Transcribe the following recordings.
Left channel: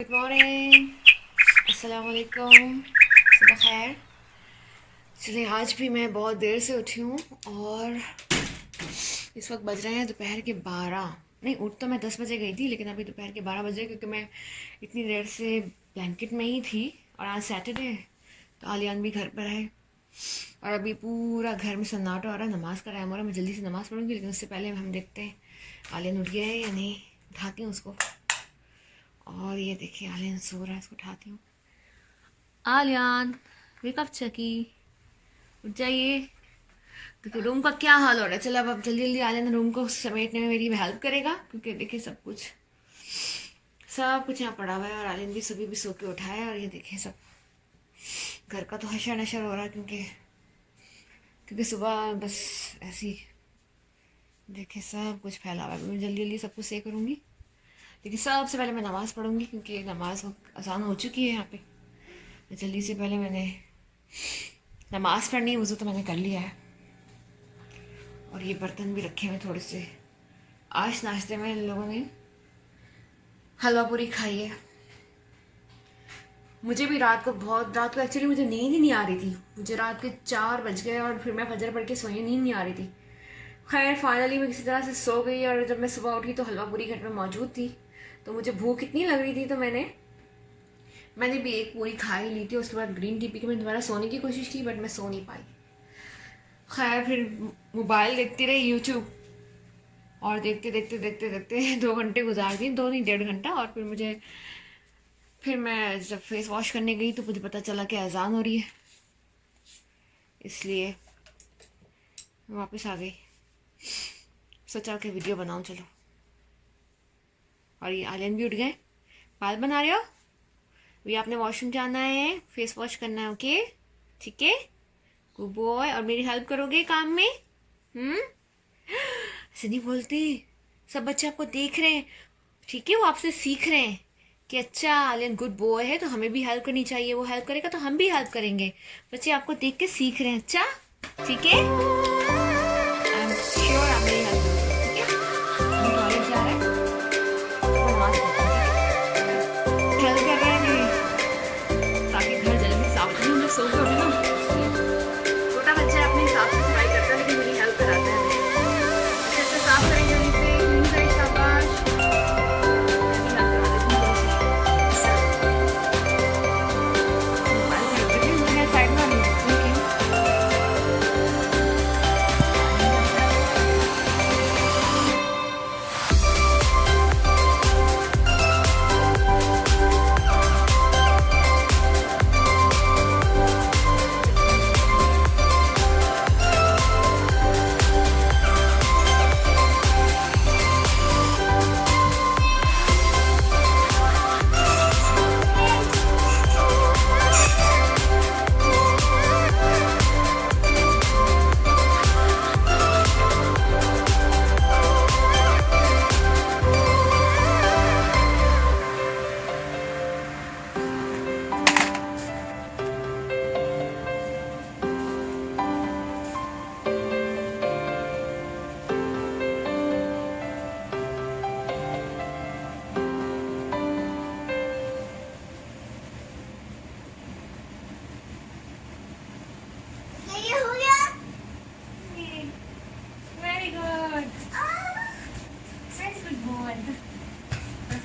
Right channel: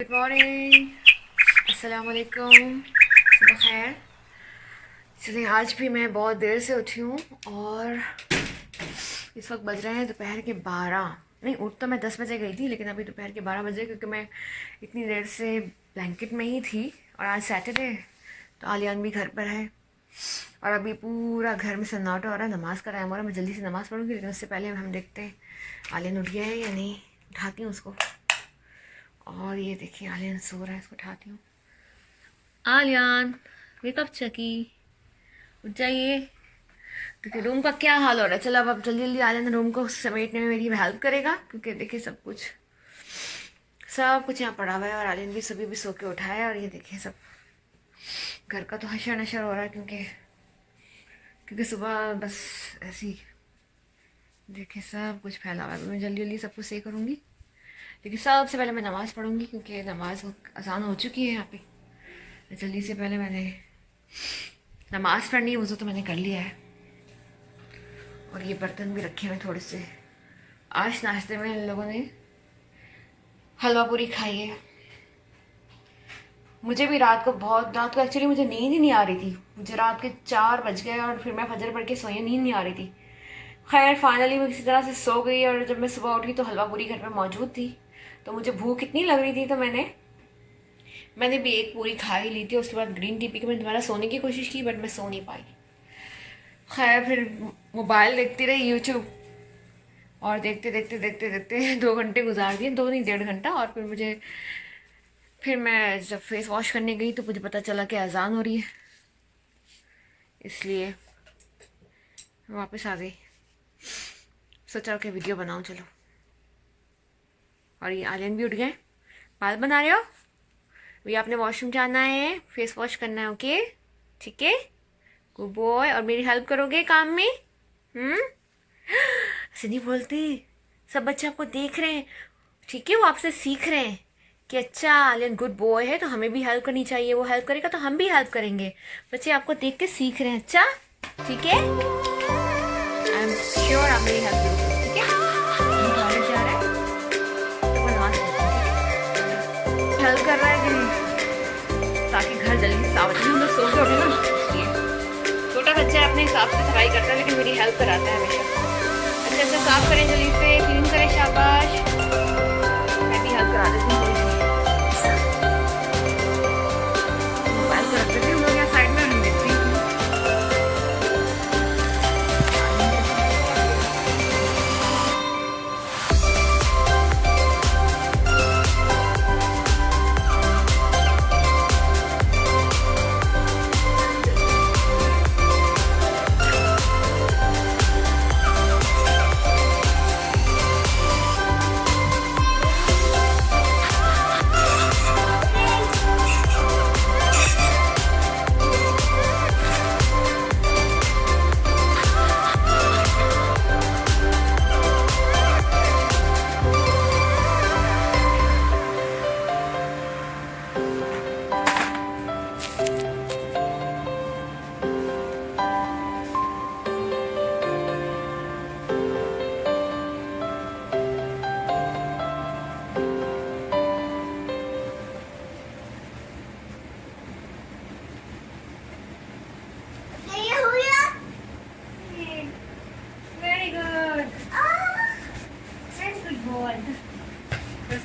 Good morning, अस्सलाम वालेकुम, सुबह खैर। चलिए, आज भी मैं बहुत देर से उठी हूँ और इस वक्त बज रहे हैं दोपहर के 12। नहीं, उठ तो मैं 10 बजे गई थी, लेकिन अभी दोपहर के 12 बजे, क्योंकि मैं इतनी देर से ब्लैंकेट में ही थी। और आज सैटरडे तो आलियान भी घर पर है और अभी पूरा घर में सन्नाटा हो रहा है। नमाज़ का टाइम हो रहा है, मैं जल्दी से नमाज़ पढ़ूंगी, लेकिन उससे पहले हम देखते हैं आलियान उठ गया है या नहीं। उठाती हूँ उसको। और ये देखिए, आलियान सो रहा है, इसको उठाती हूँ। आलियान, वेकअप चकी, उठ जाइए। क्योंकि रूम का क्या हाल हो रहा है। चलो अब जल्दी जल्दी आलियान रूम को समेटने में मेरी हेल्प करेगा, क्योंकि देखिए सब कुछ यहाँ पड़ा हुआ है। और आलियान भी सभी भी सो के उठा है। और ये देखिए सब घर का तो हशर नशर हो रहा है, क्योंकि सुबह बस ऐसी देखिए सब कुछ फैला हुआ है। मैं जल्दी जल्दी सब कुछ सही करूँगी, लेकिन सबसे पहले मैं नमाज़ पढ़ूंगी, क्योंकि नमाज आसान हो चुकी है यहाँ पे। जल्दी से पहले मैंने नमाज़ पढ़नी है। वज़ू तो मैंने कर लिया है और ये बर्तन भी रखे हुए थोड़े से। आज नाश्ते में इन लोगों ने हलवा पूरी खाई है। मुझे भी रात को एक्चुअली मुझे नींद ही नहीं आ रही थी। मुझे रात के 4 बज गए और फिर मैं फजर पढ़ के सोई, नींद नहीं आ रही थी। खैर फाइनली मैं किसी तरह से सो गई। और जब मैं सुबह उठी तो हलवा पूरी घर पर मौजूद थी, तो मुझे भूख इतनी लग रही थी, तो मैंने भी एक पूरी खा ही ली थी। उसके बाद ग्रीन टी पी के मैंने दोबारा सोने की कोशिश की, बट मैं सो नहीं पाई। खैर फिर मोबाइल देखती रही, यूट्यूब, और देखते देखते देखते देखते 2 घंटे गुजार दिए, 2 नहीं 1.5 घंटा। और फिर मैं जब फेस वॉश करने गई तो मुझे पता चला कि अजान हो रही है, इसलिए वापस आ गई। सोचा कि वीडियो बनाऊं, चलो। और ये आलियन भी उठ गए। बाल बना रहे हो? अभी आपने वॉशरूम जाना है, फेस वॉश करना है, ओके? ठीक है, गुड बॉय। और मेरी हेल्प करोगे काम में? ऐसे नहीं बोलती, सब बच्चे आपको देख रहे हैं, ठीक है? वो आपसे सीख रहे हैं कि अच्छा आलियन गुड बॉय है तो हमें भी हेल्प करनी चाहिए। वो हेल्प करेगा तो हम भी हेल्प करेंगे। बच्चे आपको देख के सीख रहे हैं। अच्छा, ठीक है, आई एम श्योर आप मेरी हेल्प करोगे, ठीक है? टॉयलेट जा रहा है तो बनवास हेल्प कर रहा है कि ताकि घर जल्दी साफ हो। हम लोग सो के उठे ना, इसलिए छोटा बच्चा अपने हिसाब से सफाई करता है, लेकिन मेरी हेल्प कराता है हमेशा। अच्छे से साफ करें, जल्दी से क्लीन करें, शाबाश। मैं भी हेल्प करा देती हूँ थोड़ी सी। मोबाइल कर रखते थे हम लोग साइड में, हम देखते हैं कि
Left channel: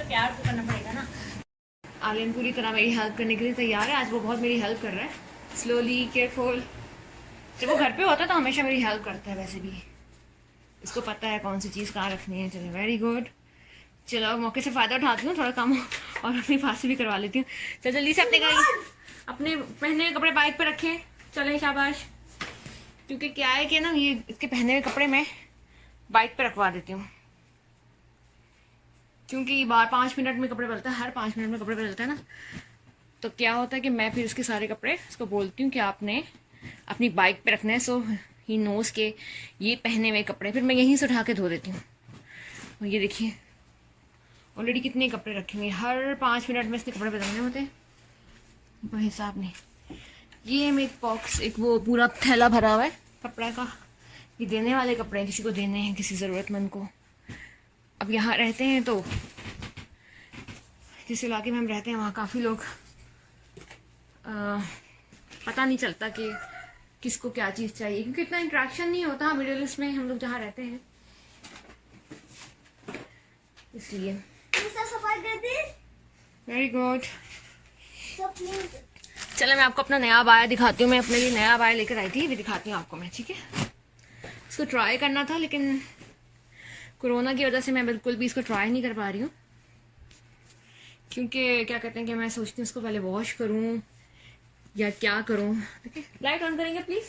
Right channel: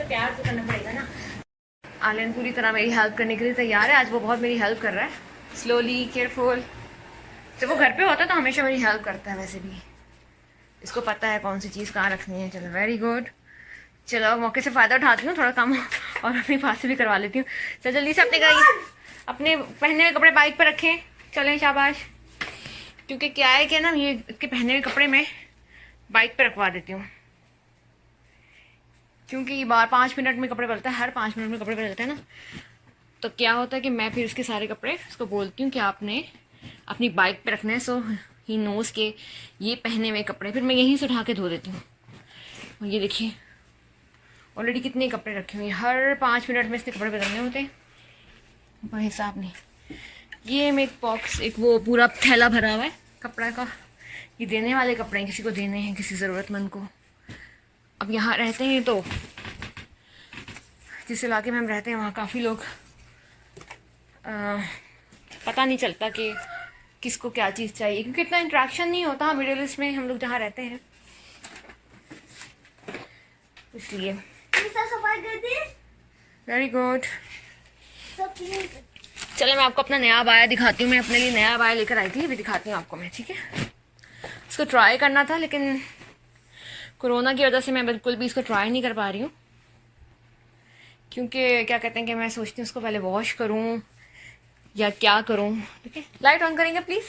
प्यार तो करना पड़ेगा ना। आलियन पूरी तरह मेरी हेल्प करने के लिए तैयार है। आज वो बहुत मेरी हेल्प कर रहा है, स्लोली, केयरफुल। जब वो घर पे होता है तो हमेशा मेरी हेल्प करता है। वैसे भी इसको पता है कौन सी चीज़ कहाँ रखनी है। चलो, वेरी गुड। चलो, मौके से फ़ायदा उठाती हूँ, थोड़ा काम और अपनी पास से भी करवा लेती हूँ। चलो जल्दी से अपने पहने हुए कपड़े बाइक पर रखें। चलें, शाबाश। क्योंकि क्या है कि ना, ये इसके पहने हुए कपड़े मैं बाइक पर रखवा देती हूँ, क्योंकि बार 5 मिनट में कपड़े बदलता है, हर 5 मिनट में कपड़े बदलते हैं ना। तो क्या होता है कि मैं फिर इसके सारे कपड़े इसको बोलती हूँ कि आपने अपनी बाइक पे रखना है। सो ही नोज़ के ये पहने हुए कपड़े फिर मैं यहीं से उठा के धो देती हूँ। ये देखिए ऑलरेडी कितने कपड़े रखे हुए हैं, हर 5 मिनट में इसके कपड़े बदलने होते हैं। कोई हिसाब नहीं। ये में एक बॉक्स, एक वो पूरा थैला भरा हुआ है कपड़ा का। ये देने वाले कपड़े हैं, किसी को देने हैं, किसी ज़रूरतमंद को। अब यहाँ रहते हैं तो जिस इलाके में हम रहते हैं वहाँ काफ़ी लोग पता नहीं चलता कि किसको क्या चीज़ चाहिए, क्योंकि इतना इंटरेक्शन नहीं होता मिडिल ईस्ट में हम लोग जहाँ रहते हैं, इसलिए। Very good. चलो मैं आपको अपना नया अबाया दिखाती हूँ। मैं अपने लिए नया अबाया लेकर आई थी, भी दिखाती हूँ आपको मैं, ठीक है। इसको ट्राई करना था लेकिन कोरोना की वजह से मैं बिल्कुल भी इसको ट्राई नहीं कर पा रही हूँ, क्योंकि क्या कहते हैं कि मैं सोचती हूँ उसको पहले वॉश करूँ या क्या करूँ। ठीक है, लाइट ऑन करेंगे प्लीज़,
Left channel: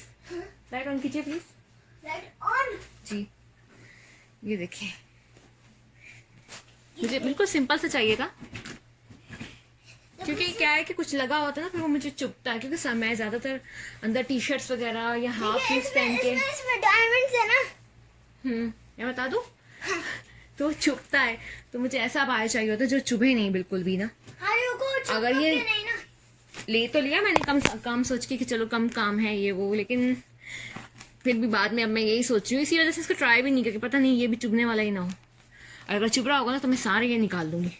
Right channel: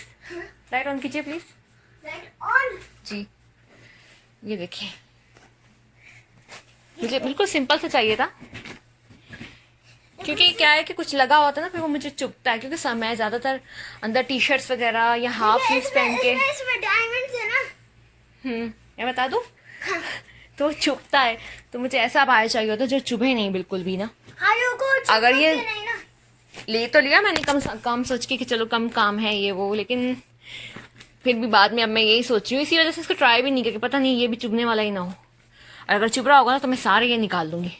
लाइट ऑन कीजिए प्लीज़। लाइट ऑन जी। ये देखिए, मुझे बिल्कुल सिंपल से चाहिए था, क्योंकि क्या है कि कुछ लगा होता है ना फिर वो मुझे चुभता है, क्योंकि मैं ज़्यादातर अंदर टी शर्ट्स वगैरह या हाफ स्लीव्स पहन के मैं बता दूँ तो चुभता है, तो मुझे ऐसा अबाया चाहिए होता है जो चुभे नहीं बिल्कुल भी ना। अगर ये ले तो लिया मैंने कम सोच के कि चलो कम काम है ये वो, लेकिन फिर भी बाद में अब मैं यही सोच रही हूँ, इसी वजह से इसको ट्राई भी नहीं करके, पता नहीं ये भी चुभने वाला ही ना हो। और अगर चुभ रहा होगा ना तो मैं सारे ये निकाल दूंगी,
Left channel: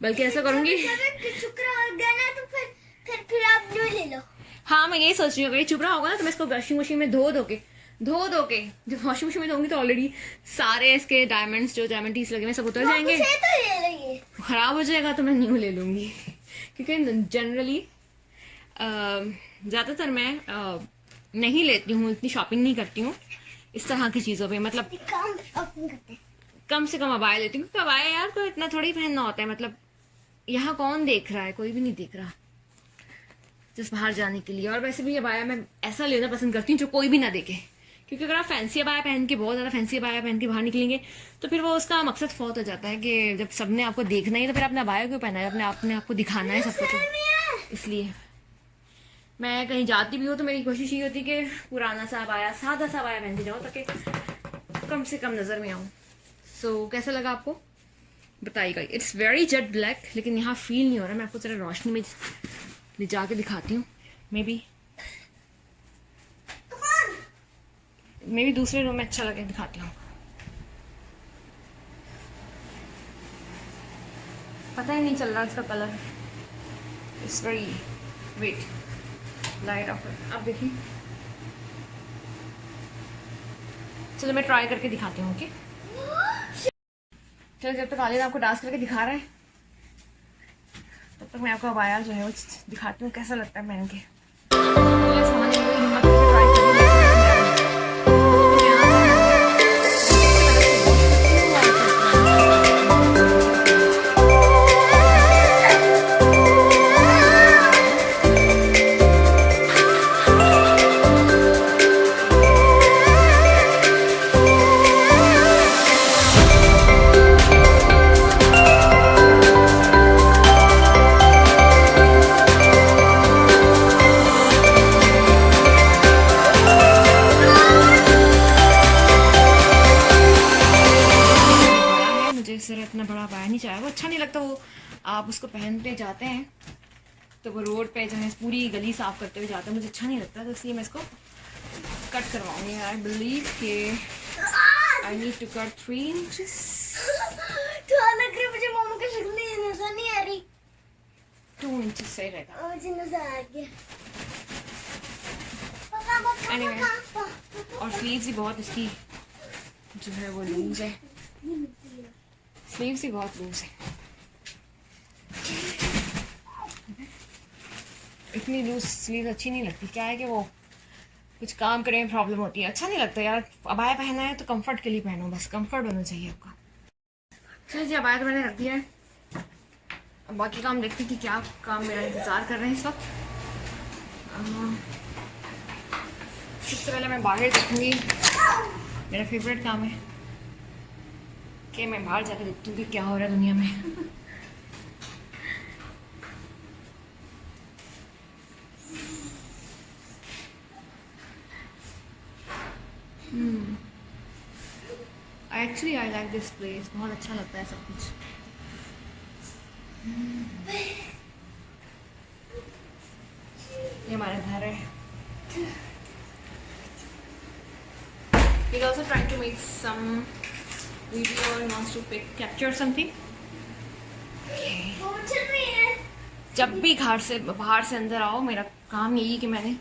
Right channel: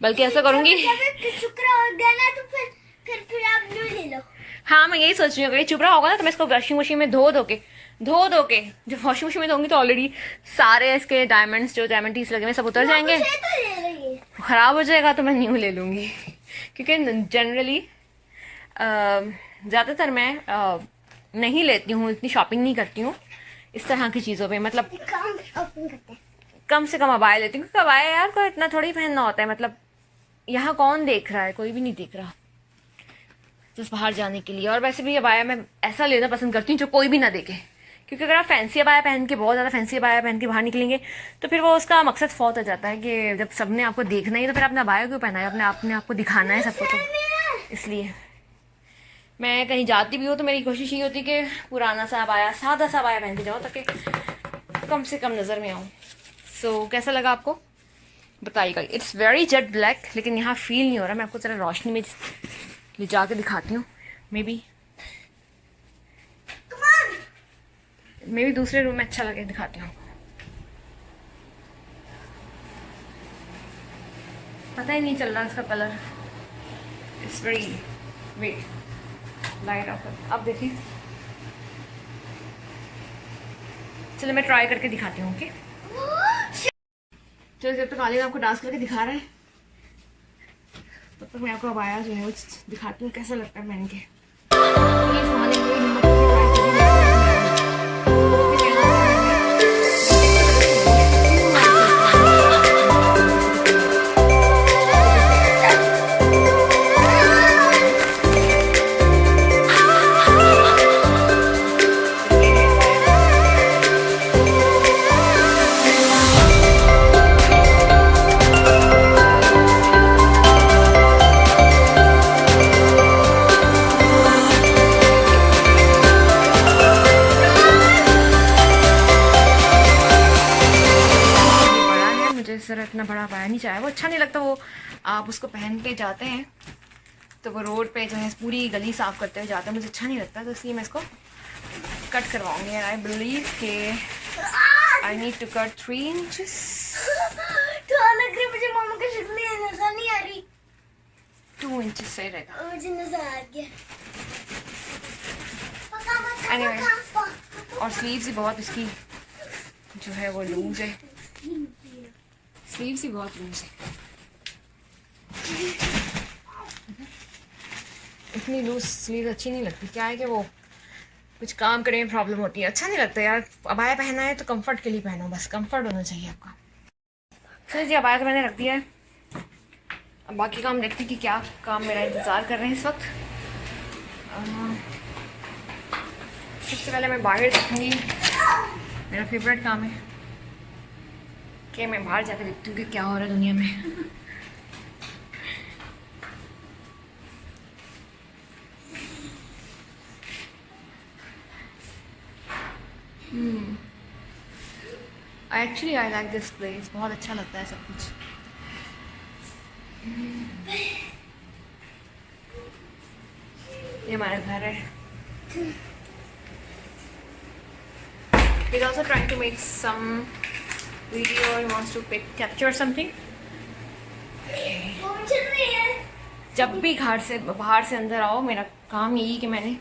बल्कि ऐसा करूंगी हाँ मैं यही सोच रही हूँ, अगर ये चुभ रहा होगा ना तो मैं इसको वॉशिंग मशीन में धो धो के जब वॉशिंग मशीन में धोंगी तो ऑलरेडी सारे इसके डायमंड्स जो डायमंड टीस लगे हुए सब उतर जाएंगे, खराब हो जाएगा तो मैं न्यू ले लूंगी। क्योंकि जनरली ज़्यादातर मैं नहीं लेती हूँ, इतनी शॉपिंग नहीं करती हूँ इस तरह की चीज़ों पे, मतलब कम से कम अबाया लेती हूँ, क्योंकि अबाया यार को इतना थोड़ी पहनना होता है, मतलब यहाँ कौन देख रहा है, कोई भी नहीं देख रहा जिस बाहर जाने के लिए। और वैसे भी अबाया मैं ऐसा लेना पसंद करती हूँ जो कोई भी ना देखे, क्योंकि अगर आप फैंसी अबाया पहन के, बहुत ज़्यादा फैंसी अबाया पहन के बाहर निकलेंगे तो फिर वो उसका मकसद फौत हो जाता है कि जब सबने आपको देखना ही तो फिर आपने अबाया क्यों पहना है, आपने आपको दिखाना है सबको, तो इसलिए मैं कहीं जाती भी हूँ तो मेरी कोशिश ये होती है कि पुराना सा अबाया, सादा सा अबाया पहन के जाऊँ ताकि कम से कम नज़र में आऊँ। सो कैसा लगा आपको बताइएगा। इट्स वेरी जेट ब्लैक, लेकिन यहाँ फील नहीं हो रहा, मैं आपको जरा रोशनी में ले जाके दिखाती हूँ। मे बी दूसरे रूम में अच्छा लगे, दिखाती हूँ। पता ही नहीं चल रहा इसका colour, it's very wet light off. अब देखिए, चलो मैं ट्राई करके दिखाती हूँ। ओके चलो, जब तक आलिन आपको डांस करके दिखा रहे हैं तब तक मैं आपको अबाया जो है वो दिखाती हूँ कैसा लगता है पहन के। इतना बड़ा अबाया नहीं चाहिए, वो अच्छा नहीं लगता। वो आप उसको पहनते जाते हैं तो वो रोड पे जो है पूरी गली साफ करते हुए जाते हैं, मुझे अच्छा नहीं लगता, तो इसलिए मैं इसको कट करवाऊंगी। आई बिलीव के I need to cut 3 inches. तो लग रही मुझे मम्मा की शक्ल नजर नहीं आ रही, 2 इंचेस सही रहेगा। मुझे नजर आ गया। एनीवे, और स्लीव्स भी बहुत इसकी जो है वो लूज है, स्लीव्स ही बहुत लूज है, इतनी लूज स्लीव अच्छी नहीं लगती। क्या है कि वो कुछ काम करने में प्रॉब्लम होती है, अच्छा नहीं लगता यार। अबाया पहना है तो कंफर्ट के लिए पहनो, बस कंफर्ट होना चाहिए आपका। चलिए जी, अबाया तो मैंने रख दिया है, अब बाकी काम देखते हैं कि क्या काम मेरा इंतज़ार कर रहे हैं इस वक्त। सबसे पहले मैं बाहर देखूँगी, मेरा फेवरेट काम है कि मैं बाहर जाकर देखती हूँ कि क्या हो रहा है दुनिया में। Actually I like this place, बहुत अच्छा लगता है सब कुछ। ये हमारा घर है। He's also trying to make some video. He wants to capture something. Okay. जब भी बाहर से अंदर आओ, मेरा काम यही कि मैंने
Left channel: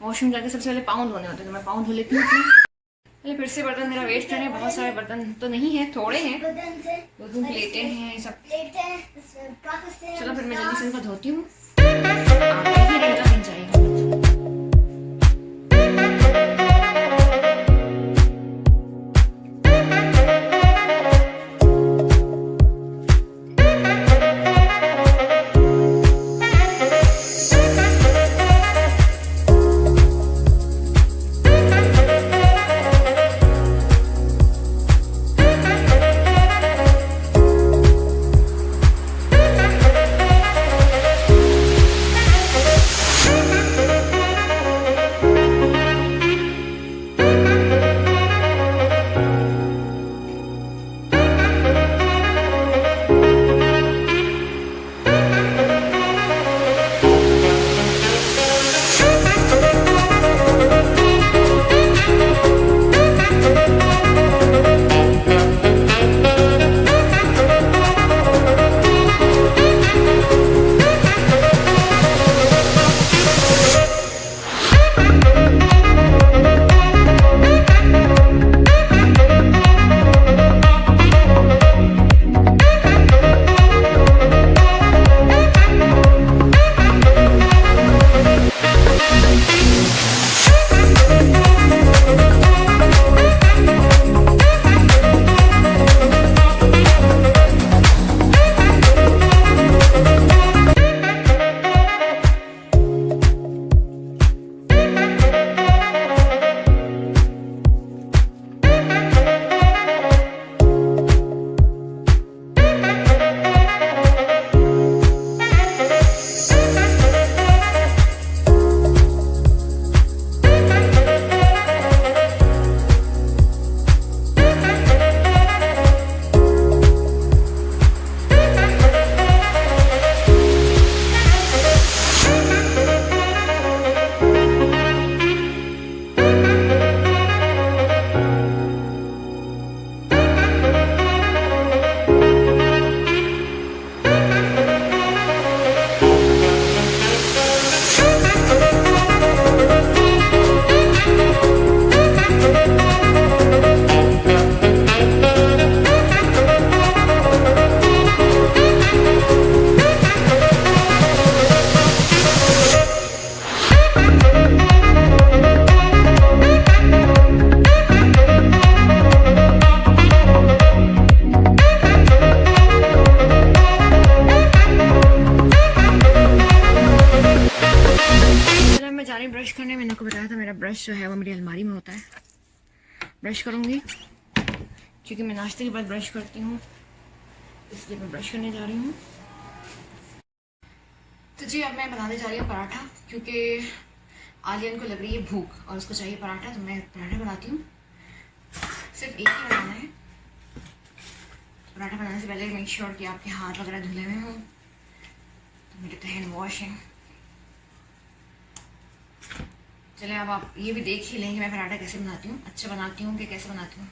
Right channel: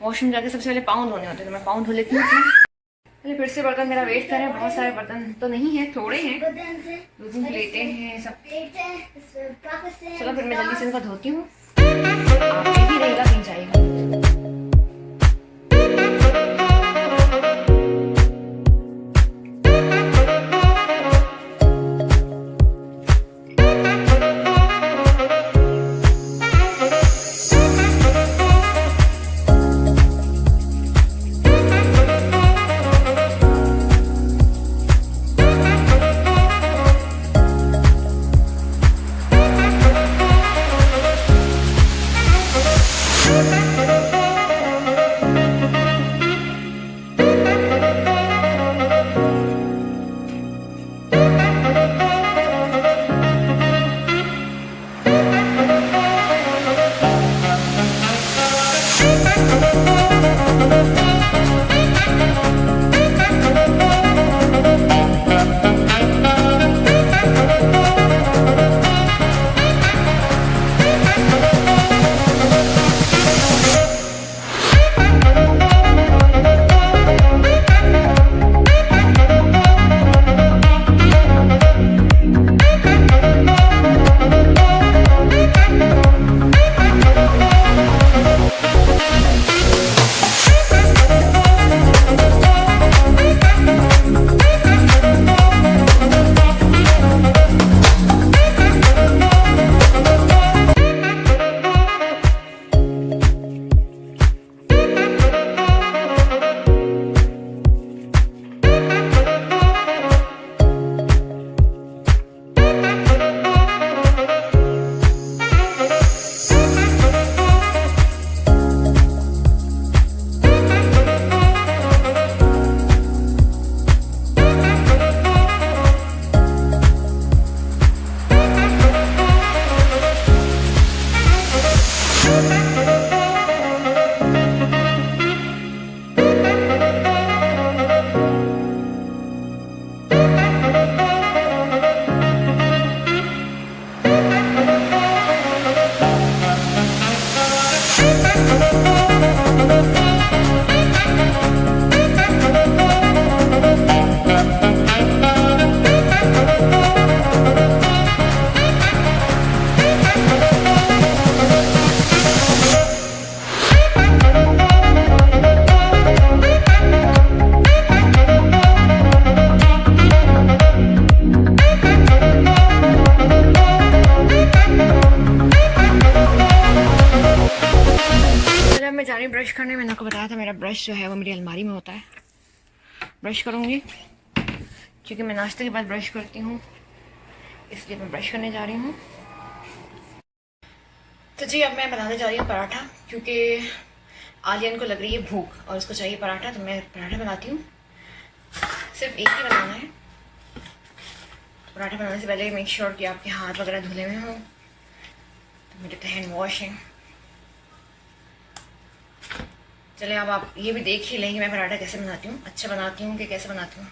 वॉशरूम जाके सबसे पहले पाँव धोने होते हैं, तो मैं पाँव धो लेती हूँ अपने। पहले फिर से बर्तन मेरा वेस्ट करें, बहुत सारे बर्तन तो नहीं है, थोड़े हैं, 2-3 प्लेटें हैं सब। चलो फिर मैं जल्दी से इनको धोती हूँ, आप ही रहेगा कहीं जाएगा। ब्रश करने मैंने आपको बताया था, मेरा ब्रश जो है वो मेरी अलमारी में होता है। ब्रश करूँगी क्योंकि मैं नाश्ते के बाद ब्रश करती हूँ, इसलिए मैं ब्रश करने जा रही हूँ। तो जी अब मैं बनाने जा रही हूँ पराठा, क्योंकि आलियन को लग रही है भूख और उसको चाहिए पराठा, तो मैं पराठा बनाती हूँ। सिर्फ एक ही बनाना है। पराठा बनाने से पहले मेक श्योर कि आपके हाथ वगैरह धुले हुए हों। तो मेरे तो हैंड वॉश है। चलिए अब आप ये भी देख ही लेंगे मैं पराठा कैसे बनाती हूँ, अच्छा बनाती हूँ कि कैसे बनाती हूँ।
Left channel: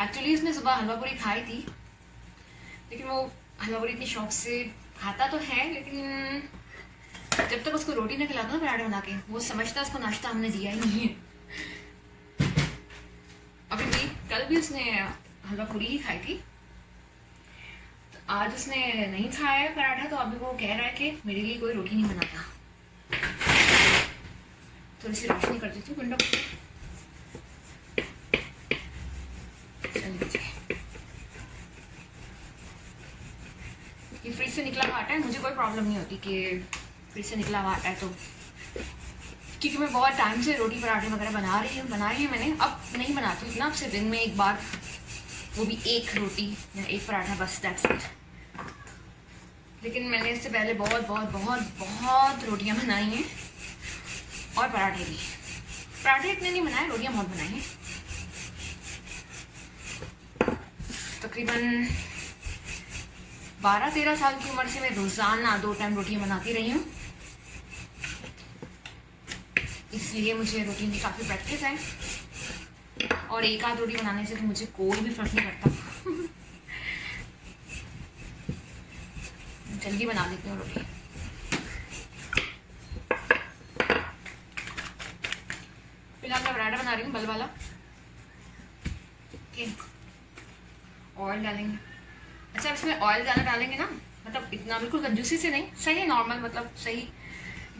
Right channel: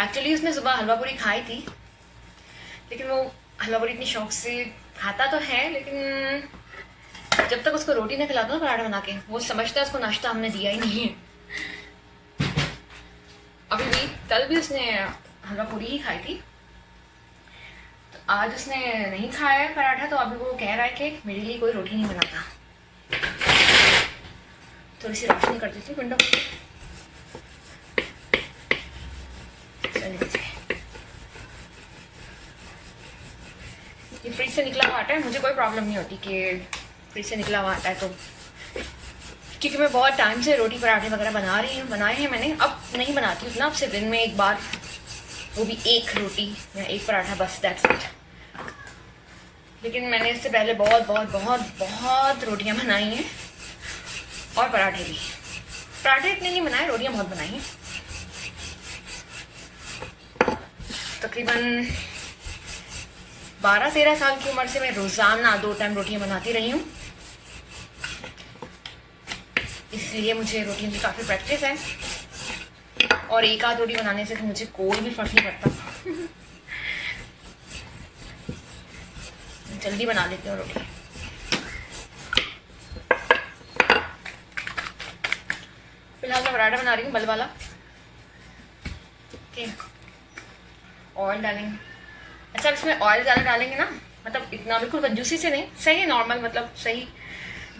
एक्चुअली उसने सुबह हलवा पूरी खाई थी, लेकिन वो हलवा पूरी इतनी शौक से खाता तो है, लेकिन जब तक उसको रोटी नहीं खिलाता ना पराठा बना के, वो समझता है उसको नाश्ता हमने दिया ही नहीं है। अभी भी कल भी उसने हलवा पूरी ही खाई थी, तो आज उसने नहीं खाया है पराठा, तो अभी वो कह रहा है कि मेरे लिए कोई रोटी नहीं बनाता। थोड़ी सी रोशनी कर देती हूँ विंडो पे। ये फ्रिज से निकला हुआ आटा है, मुझे कोई प्रॉब्लम नहीं होती कि फ्रिज से निकला हुआ आटा है, तो क्योंकि मैं बहुत टाइम से रोटी पराठे वगैरह बनाए हैं मैंने। अब नहीं बनाती हूँ ना, अब से दिन में एक बार, वो भी एक रोटी या एक पराठा, बस दैट्स इट। लेकिन मैंने इससे पहले बहुत बहुत बहुत बहुत रोटियाँ बनाई हैं और पराठे भी। पराठे इतने नहीं बनाए, रोटियां बहुत बनाई हैं। तकरीबन 12-13 साल की उम्र से मैं रोजाना 2 टाइम रोटियां बनाती रही हूँ, इसलिए मुझे रोटियों की काफ़ी प्रैक्टिस है। और एक आध रोटी बनाने से मुझे कोई भी फर्क नहीं पड़ता। जल्दी बना लेती हूँ रोटी। पराठा बना रही हूँ बल वाला। ऑयल डालेंगे। अच्छा, इसमें ऑयल ज़्यादा डालेंगे ना, मतलब इतना बिल्कुल कंजूसी से नहीं, सही नॉर्मल, मतलब सही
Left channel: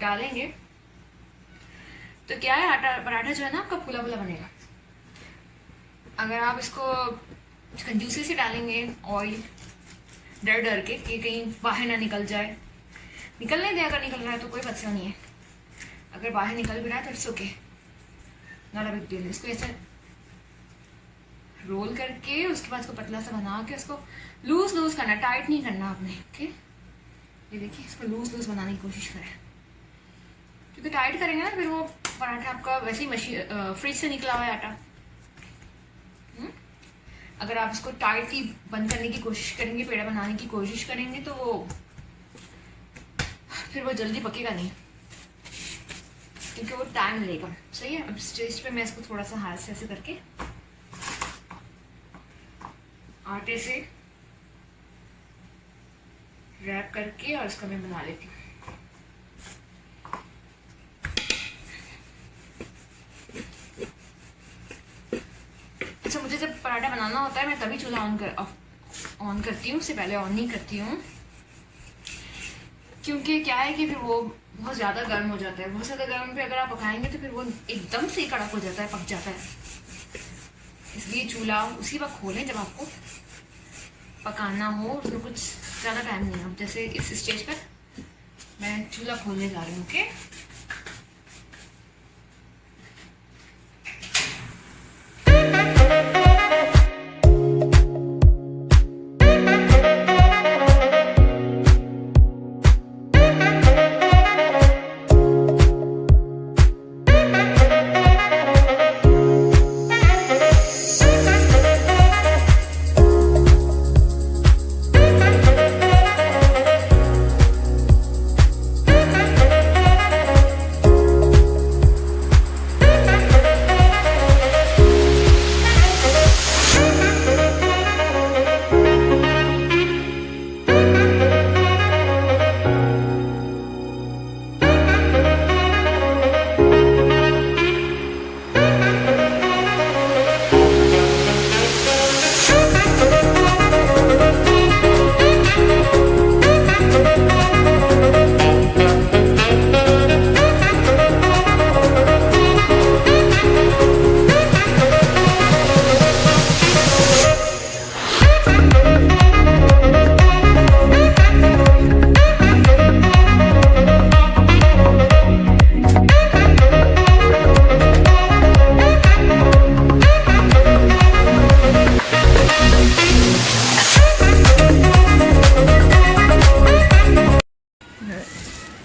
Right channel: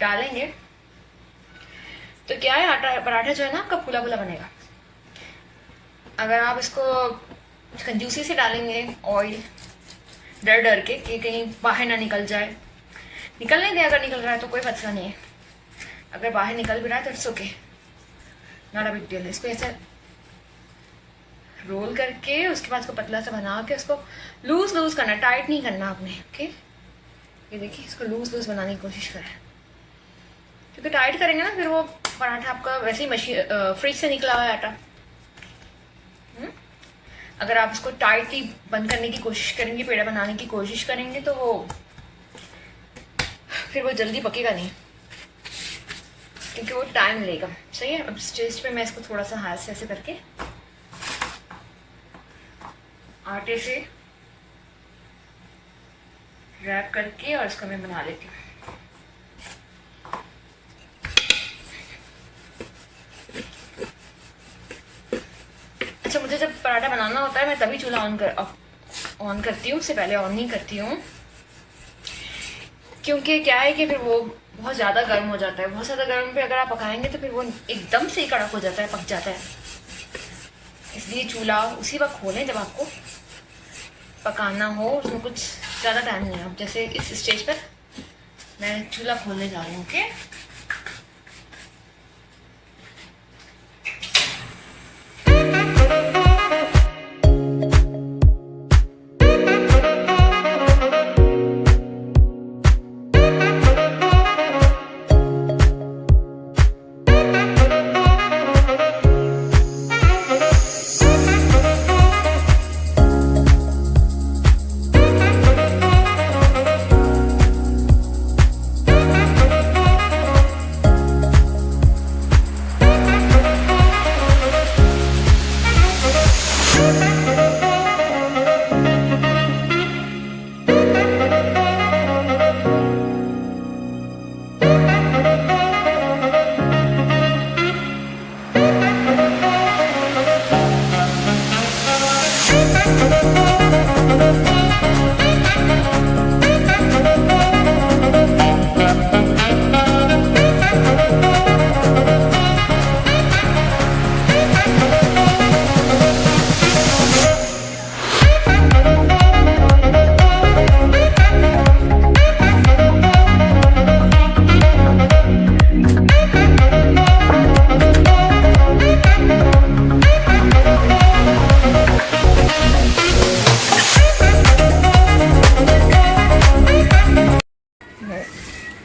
डालेंगे तो क्या है, आटा पराठा जो है ना आपका फूला फूला बनेगा। अगर आप इसको कंजूसी से डालेंगे ऑयल, डर डर के कि कहीं बाहर ना निकल जाए, निकल नहीं दे, अगर निकल रहा है तो कोई मसला नहीं है, अगर बाहर निकल भी रहा है तो it's okay, not a big deal. इसको ऐसे रोल करके उसके बाद इसको पतला सा बना के उसको लूज लूज करना, टाइट नहीं करना आपने। ओके, ये देखिए, इसको लूज लूज बनाने की कोशिश करें, क्योंकि टाइट करेंगे ना फिर वो पराठा आपका वैसे ही मशीन फ्रिज से निकला हुआ है आटा। अगर आप इसको टाइटली बंद करने की कोशिश करेंगे, पेड़ा बनाने की कोशिश करेंगे तो वो फिर वो जल्दी पकेगा नहीं, क्योंकि वो टाइम लेगा। सही है। अब स्टेज पे मैं इसको थोड़ा सा हाथ से ऐसे करके आटे से रैप करके और इसको मैं बना लेती हूँ। अच्छा, मुझे जब पराठा बनाना होता है मैं तभी चूल्हा ऑन करती हूँ, उससे पहले ऑन नहीं करती हूँ, क्योंकि क्या है कि फिर वो बहुत ज़्यादा गर्म हो जाता है। बहुत ज़्यादा गर्म पे अगर आप पकाएंगे तो फिर वो एकदम से कड़क हो जाता है, पक जाता है। इसलिए चूल्हा उसी वक्त खोलें जब आपको पकाना हो, उसमें कुछ ज़्यादा टाइम नहीं हो। जैसे इस स्टेज पर मैं चूल्हा खोलने जा रही हूँ। ओके,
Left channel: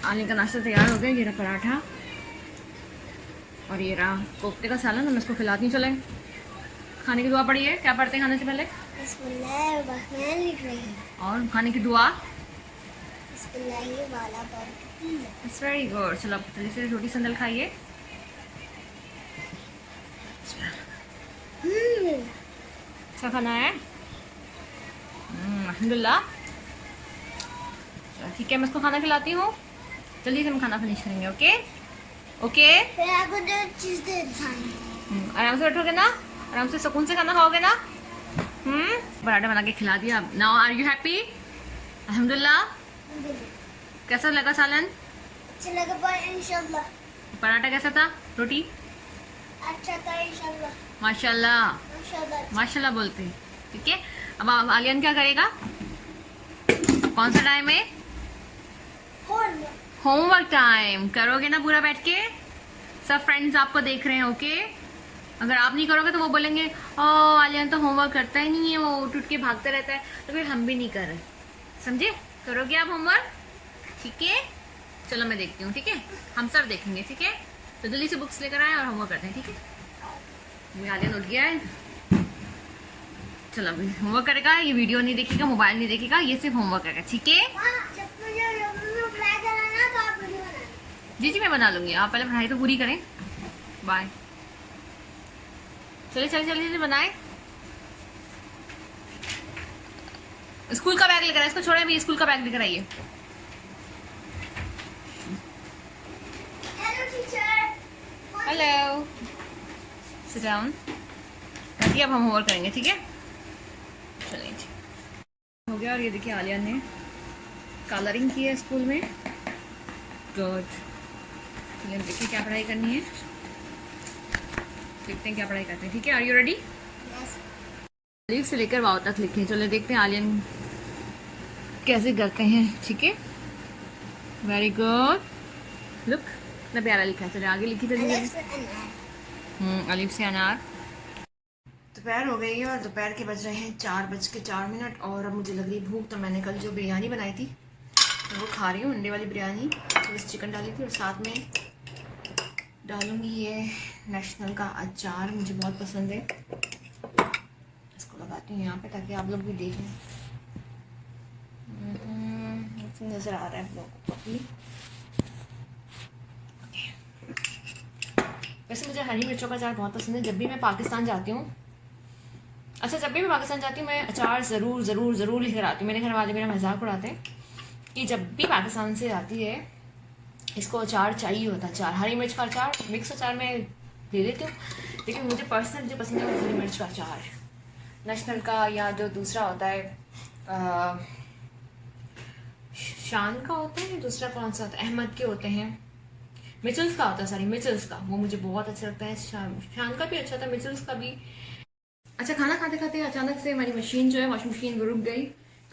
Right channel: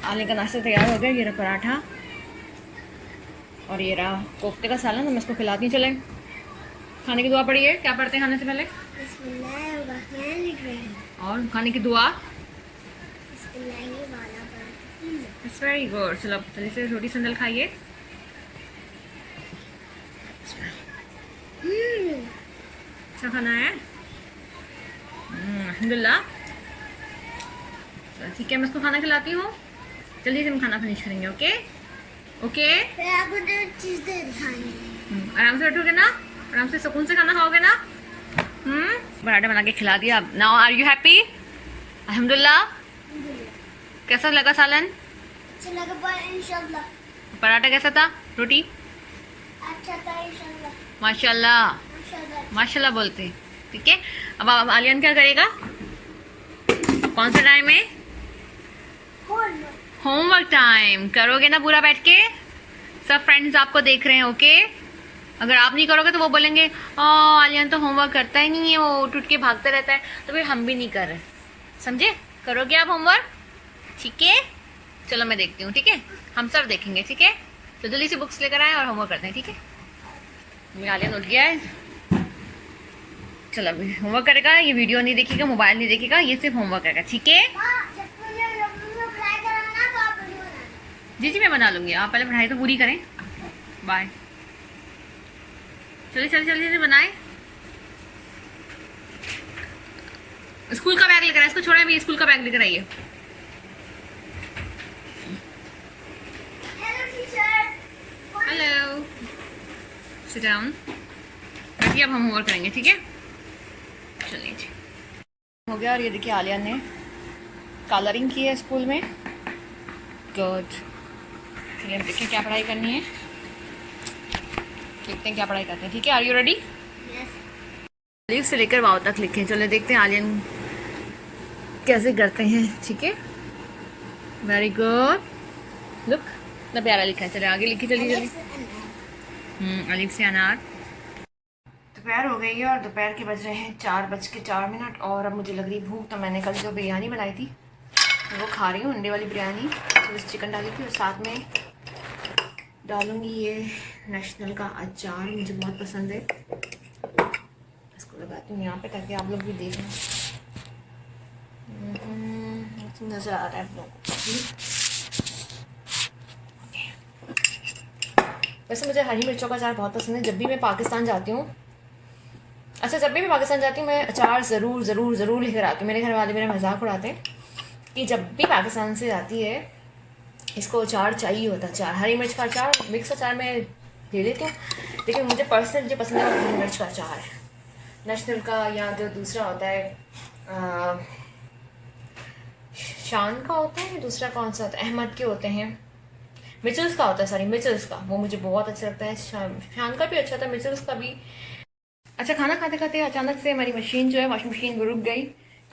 आलू का नाश्ता तैयार हो गया। ये रहा पराठा और ये रहा कोफ्ते का सालन। हम इसको खिलाती चले। खाने की दुआ पड़ी है। क्या पढ़ते हैं खाने से पहले? और खाने की दुआ? It's very good. चलो जल्दी से रोटी संदल खाइए। अच्छा खाना है, अल्हम्दुलिल्लाह। ठीक है, मैं इसको खाना खिलाती हूँ। जल्दी से हम खाना फिनिश करेंगे। ओके ओके, आराम से बैठोगे ना, आराम से सुकून से खाना खाओगे ना। पराठा बना के खिला दिया। Now are you happy? अल्हम्दुलिल्लाह। कैसा लगा सालन? अच्छा लगा इंशाल्लाह। पराठा कैसा था? रोटी अच्छा था इंशाल्लाह। माशाल्लाह माशाल्लाह बोलते हैं। ठीक है, अब आलियान क्या करेगा? कौन सा टाइम है? Homework time. करोगे ना पूरा बैठ के? सब फ्रेंड्स आपको देख रहे हैं। ओके, अगर आप नहीं करोगे तो वो बोलेंगे आलियान तो होमवर्क करता ही नहीं है, वो उठ उठ के भागता रहता है, तो फिर हम भी नहीं कर रहे। समझे? करोगे आप होमवर्क? ठीक है, चलो मैं देखती हूँ। ठीक है, हम सब देखेंगे। ठीक है, तो जल्दी से बुक्स लेकर आए और होमवर्क करते हैं। ठीक है, आलियान उठ गया है। चलो अभी होमवर्क करेगा। ये वीडियो नहीं देखेगा, मोबाइल नहीं देखेगा, ये सिर्फ होमवर्क करेगा। ठीक है जी जी, मैं बना लूंगी। आप पहले पढ़ाई तो पूरी करें। बाय। चलिए चलिए जल्दी बनाए। स्कूल का बैग लेकर आए। इसको छोड़े अभी, स्कूल का बैग लेकर आइए। हेलो। Sit down. ताकि अब हम होमवर्क करेंगे, ठीक है? चलिए जी, हो गया। और ये देखिए आलिया ने कलरिंग की है स्कूल में। गुड। चलिए हम देखिए क्या पढ़ाई करनी है, देखते हैं क्या पढ़ाई करते हैं, ठीक है? Are you ready? लीव से लेकर वाव तक लिखें। चलो देखते हैं आलियन कैसे करते हैं, ठीक है? वेरी गुड, लुक इतना प्यारा लिखा है। चले आगे लिखिए जल्दी जल्दी। अलीफ से अनार। दोपहर हो गई है और दोपहर के बज रहे हैं 4:04 और अब मुझे लग रही भूख। तो मैंने कल जो बिरयानी बनाई थी वो खा रही हूँ, अंडे वाली बिरयानी। तो इस चिकन डाली थी और साथ में डालूंगी ये नेशनल का अचार, मुझे बहुत पसंद है। इसको लगाती हूँ यहाँ पे ताकि आप लोग भी देख लें। नज़र आ रहा है आप लोगों को। वैसे मुझे हरी मिर्चों का अचार बहुत पसंद है। जब भी मैं पाकिस्तान जाती हूँ, अच्छा जब भी मैं पाकिस्तान जाती हूँ मैं अचार ज़रूर ज़रूर ज़रूर लेकर आती हूँ। मेरे घर वाले मेरा मजाक उड़ाते हैं कि जब भी पाकिस्तान से आती है इसको अचार चाहिए होता है। अचार, हरी मिर्च का अचार, मिक्स अचार मैं ले लेती हूँ, लेकिन मुझे पर्सनली जो पसंद है वो हरी मिर्च का अचार है। नेशनल का या जो दूसरा होता है शान का होता है, दूसरा कौन सा होता है, अहमद के होते हैं, मिचल्स का होता है, सॉरी मिचल्स का, वो मुझे बहुत अच्छा लगता है। शान का भी अच्छा था, मिचल्स का भी अच्छा। खाना खाते खाते अचानक से हमारी मशीन जो है वॉशिंग मशीन वो रुक गई,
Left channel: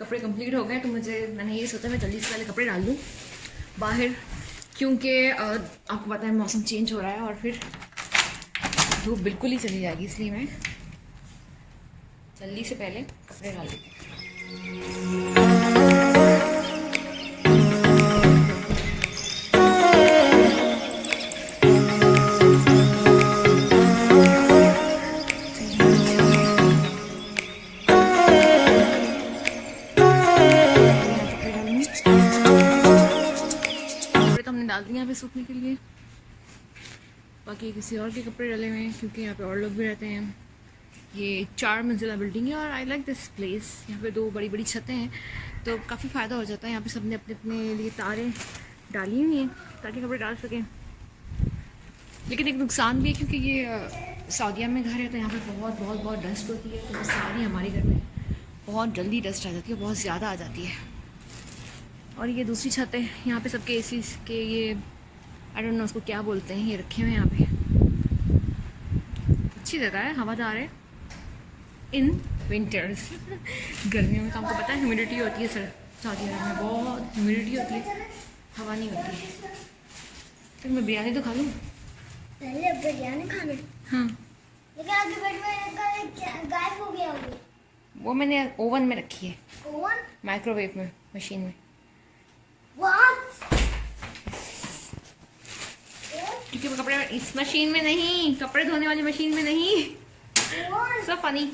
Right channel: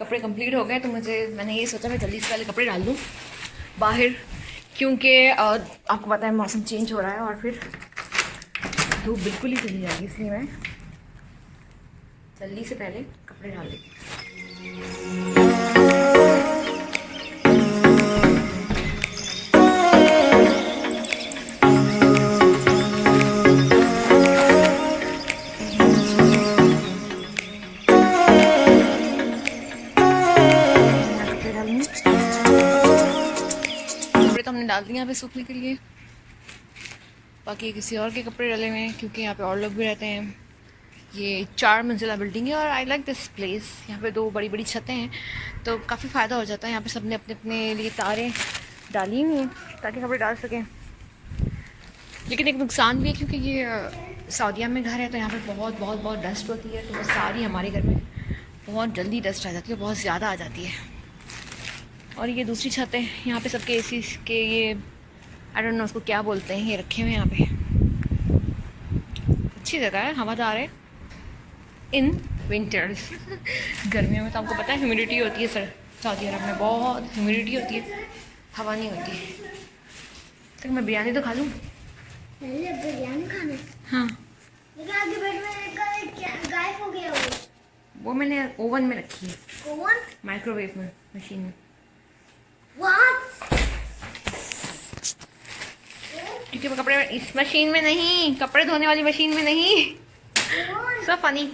कपड़े कंप्लीट हो गए। तो मैंने ये सोचा मैं जल्दी से पहले कपड़े डाल दूँ बाहर, क्योंकि आपको पता है मौसम चेंज हो रहा है और फिर धूप बिल्कुल ही चली जाएगी, इसलिए मैं जल्दी से पहले कपड़े डाल देती हूँ। डाल दिए यहाँ पे सूखने के लिए, बाकी किसी और के कपड़े डाले हुए हैं क्योंकि यहाँ पे और लोग भी रहते हैं। ये 4 मंजिला बिल्डिंग है और आई लाइक दिस प्लेस। यहाँ पे 2 बड़ी बड़ी छतें हैं तो काफ़ी फ़ायदा हो जाता है। यहाँ पे सबने अपने अपने लिए तारें डाली हुई हैं ताकि कपड़े डाल सकें। लेकिन एक नुकसान भी है क्योंकि ये सऊदीया में घर है तो यहाँ पे बहुत बहुत बहुत डस्ट होती है। तो वो सारी हमारे घर में बहुत जल्दी डस्ट आ जाती है, बहुत ज़्यादा आ जाती है। और ये दूसरी छत है, यहाँ पे सबके एसी के ये आई डोंट नो उसको क्या बोलते हैं, ये रखे हुए हैं यहाँ पे। अच्छी जगह है, हवादार है इन विंटर्स। गर्मियों में तो आपको पता है ह्यूमिडिटी होती है सर, सऊदी अरब में बहुत ह्यूमिडिटी होती है, हवा नहीं होती है। तो मैं बिरयानी तो खा लूँ। बिरयानी खाना? हाँ, आगे बेड में गायब हो गया वो मैंने ओवन में रखी है। ओवन? माइक्रोवेव में, मशीन में। क्योंकि वो कपड़े इस मशीन में नहीं, कपड़े धोने वाली मशीन में नहीं। सो फनी,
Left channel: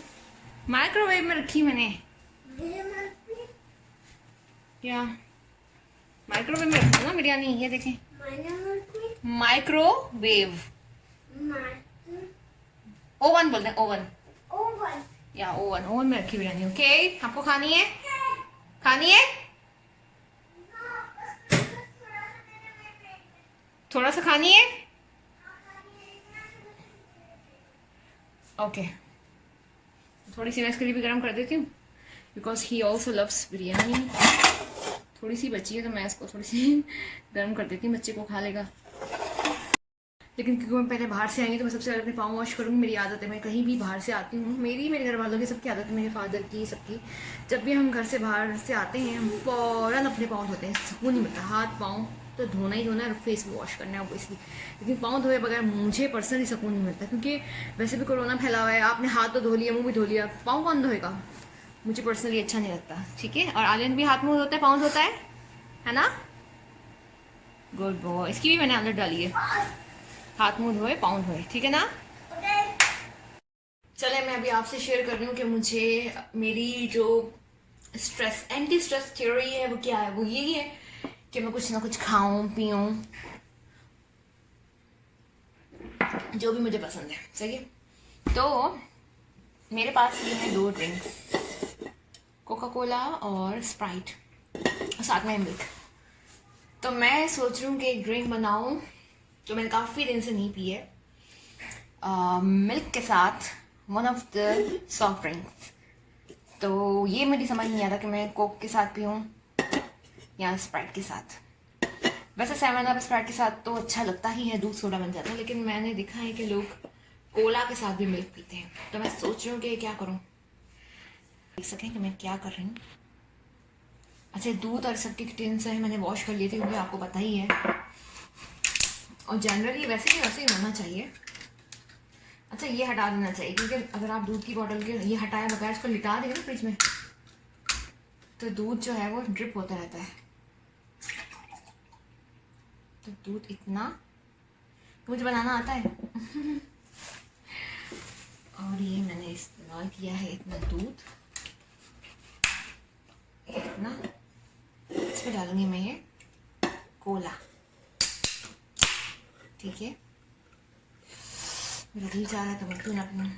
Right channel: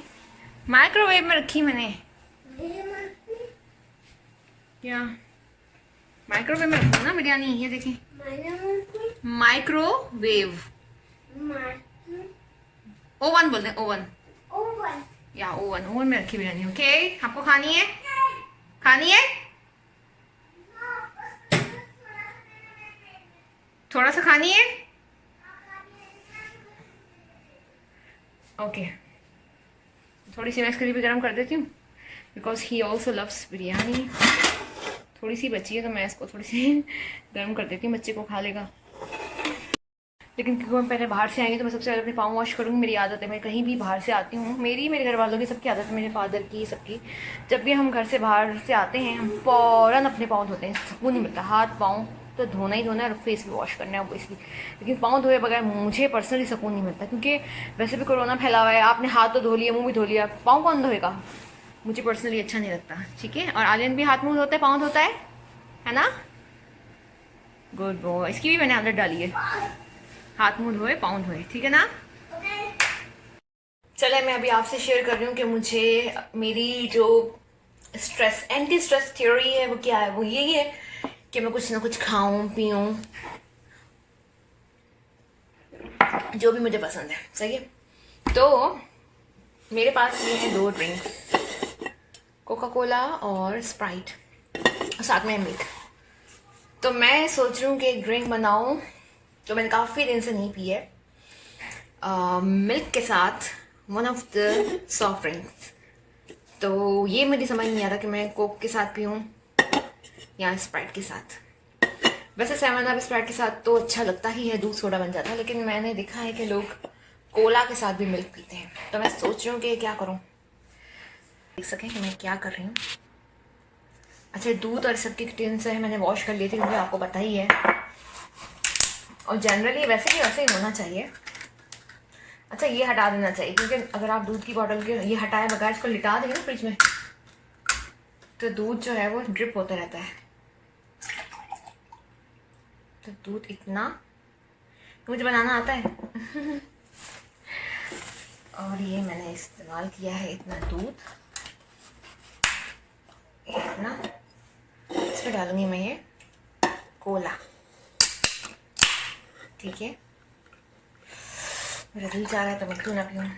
माइक्रोवेव में रखी मैंने। या माइक्रोवेव में रखा ना बिरयानी, ये देखें माइक्रोवेव, ओवन बोलते हैं, ओवन। ओवन या ओवन में रखी बिरयानी। ओके, आपको खानी है? खानी है? थोड़ा सा खानी है? ओके, थोड़ी सी मैं इसके लिए भी गर्म कर देती हूँ because he also loves biryani. थोड़ी सी बची है तो मैं इसको थोड़ी सी गर्म कर देती हूँ, बच्चे को खा लेगा। लेकिन क्योंकि मैं पहले बाहर से आएंगी तो मैं सबसे पहले अपने पाँव वॉश करूँगी। मेरी आदत है, मैं कहीं भी बाहर से आती हूँ, मेरे घर वालों की सबकी आदत है, मेरे फादर की सबकी। जब भी हम घर से बाहर से आते हैं हम फ़ौरन अपने पाँव धोते हैं, सुकून नहीं मिलता। हाथ पाँव तो धोना ही धोना है और फेस भी वॉश करना है इसलिए, लेकिन पाँव धोए बगैर मुझे पर्सनली सुकून नहीं मिलता। क्योंकि वैसे भी कोरोना फैला हुआ है, आपने हाथ तो धो लिया, मुँह भी धो लिया, पाँव कौन धोएगा? मुझे पर्सनली अच्छा नहीं लगता, ठीक है? और आलियन भी हाथ मुँह धोते हैं, पाँव धोता है ना? गुड बॉय, इसकी भी मैंने आदत डाली है, हाथ मुँह धोए पाँव धोए, ठीक है ना? चले मैं अभी आपसे शेयर कर रही हूँ कि मुझे मेरी जो एंटी स्ट्रेस थ्योरी है वो क्या है। वो यही है कि मैं कुछ ना कुछ खाऊं पीऊं जो भी मुझे पसंद है, सही है? तो मेरे पास ये है 2 ड्रिंक्स, कोका कोला और स्प्राइट, साथ में मिल्क। तो मैं सोच रही हूँ कि एक ड्रिंक बनाऊं तो मैंने काफ़ी दिन से नहीं पी है। मिल्क के साथ one of the soft drinks. तो ये मुझे समझ नहीं आ रहा कि मैं कोक के साथ पीऊँ या स्प्राइट के साथ। वैसे 7 अप स्प्राइट के साथ तो अच्छा लगता ही है, दूध सोडा बन जाता है, लेकिन मैंने देखा है कि लोग कोला के साथ भी मिल्क पीते हैं। तो मैं सोच रही हूँ कि क्या करूँ, देख सकें कि मैं क्या कर रही हूँ। अच्छा, दूध और सबकी टिन से मैंने वॉश कर ली थी, क्योंकि आपको पता ही है, और जनरली वैसे भी ऐसे ही होना चाहिए। अच्छा, ये हटा देना चाहिए, क्योंकि अगर आप दूध की बॉटल के ये हटाए बगैर इसको लिटा देंगे ना फ्रिज में, तो दूध जो है वो ड्रिप होता रहता है। तो दूध इतना मुझे बनाना आता है और ये मैंने इस्तेमाल किया है इतना दूध, इतना। इसमें डालूंगी मैं ये कोला, ठीक है। मेरा दिल चाह रहा है तो मैं क्यों ना पीऊँ।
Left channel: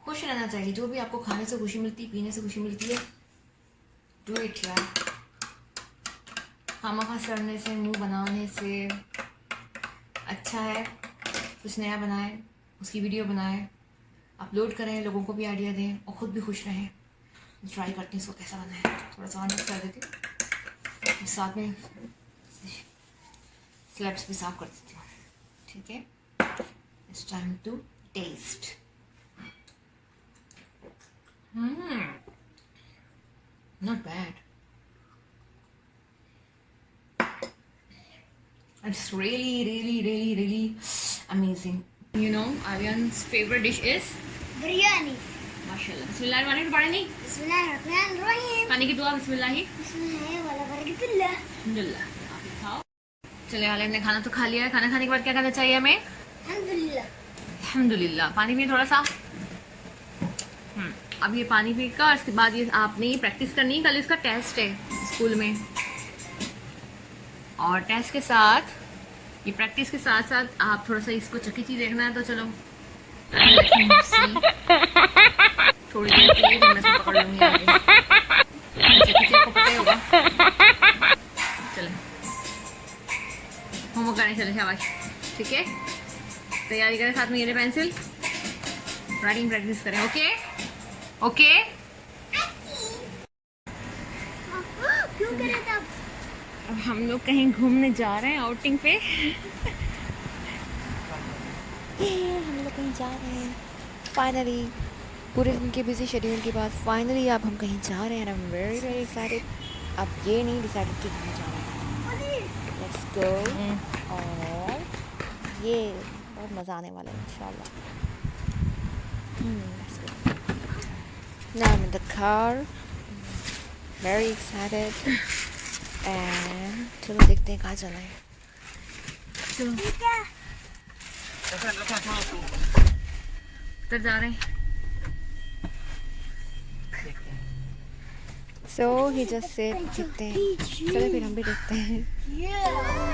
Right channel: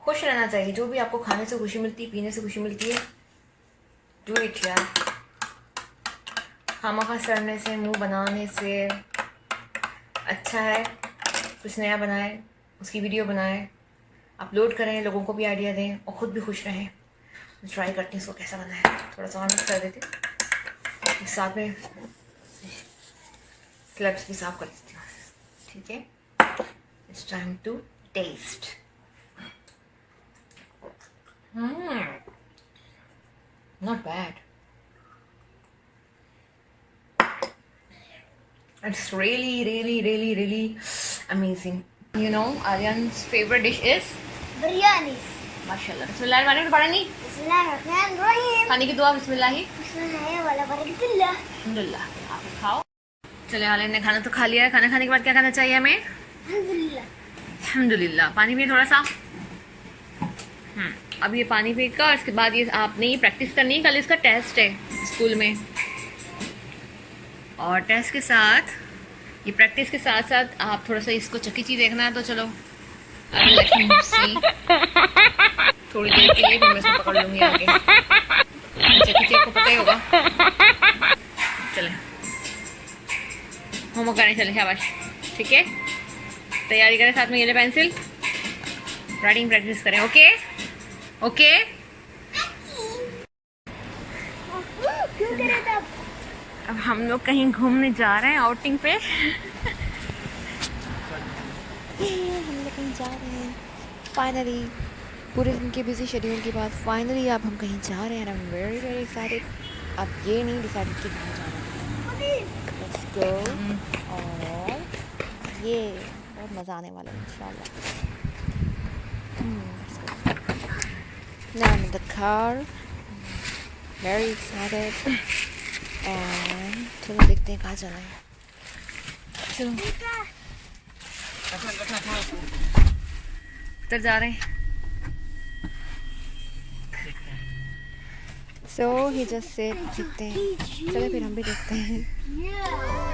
खुश रहना चाहिए, जो भी आपको खाने से खुशी मिलती है, पीने से खुशी मिलती है, डू इट यार। खामखा सड़ने से, मुंह बनाने से अच्छा है कुछ नया बनाए, उसकी वीडियो बनाए, अपलोड करें, लोगों को भी आइडिया दें और ख़ुद भी खुश रहें। मैं ट्राई करती हूँ इसको कैसा बना है, थोड़ा सा और मिक्स कर देती हूँ, साथ में स्लब्स भी साफ कर देती हूँ, ठीक है। It's time to taste. Not bad, it's really amazing. You know, Aryan's favorite dish is biryani. माशाल्लाह। बिस्मिल्लाहिर्रहमानिर्रहीम पढ़ा नहीं? बिस्मिल्लाहिर्रहमानिर्रहीम। खाने की दुआ बिस्मिल्लाह। बिस्मिल्लाहिर्रहमानिर्रहीम। अल्हम्दुलिल्लाह। आप भी खाओ। चले, आलिया ने खाना तो खा लिया है। खाना खाने के बाद क्या करना चाहिए हमें? अल्हम्दुलिल्लाह। अल्हम्दुलिल्लाह। पानी पिए थोड़ा सा। अब ये पानी पीकर और इसके बाद ये आपने ये प्रैक्टिस करनी है, कल इसका टेस्ट है स्कूल में, और टेस्ट के साथ ये प्रैक्टिस के साथ साथ आप थोड़ा सा इसको चकीची देखना है। तो चलो थोड़ी देर के लिए, फिर मैं इसको पकड़ लूंगी आगे। चकीची आपको पता ही होगा। चले होमवर्क करने चले, शाबाश, ठीक है। तैयारी करें, साथ में ये ले पेंसिल, राइटिंग प्रैक्टिस करें। Okay okay. क्यों करे तब? अब हम लोग कहीं घूमने जा रहे हैं, आउटिंग पे। हम लोग कहीं जा रहे हैं फाइनली, पूरे दिन के बिजी शेड्यूल के बाद फाइनली अब हम कहीं जा रहे हैं। I am very excited. अब ये नहीं डिसाइडेड कि कहाँ जाना है। Let's go. और ये बहुत मज़ा आने वाला है इंशाल्लाह। Let's go. Now I am in the car, very excited, and चलो देखते हैं कहाँ जाना है। उधर जा रहे हैं। सो ही जस्ट सेड देखते हैं, चलो फिर हम भी देखते हैं।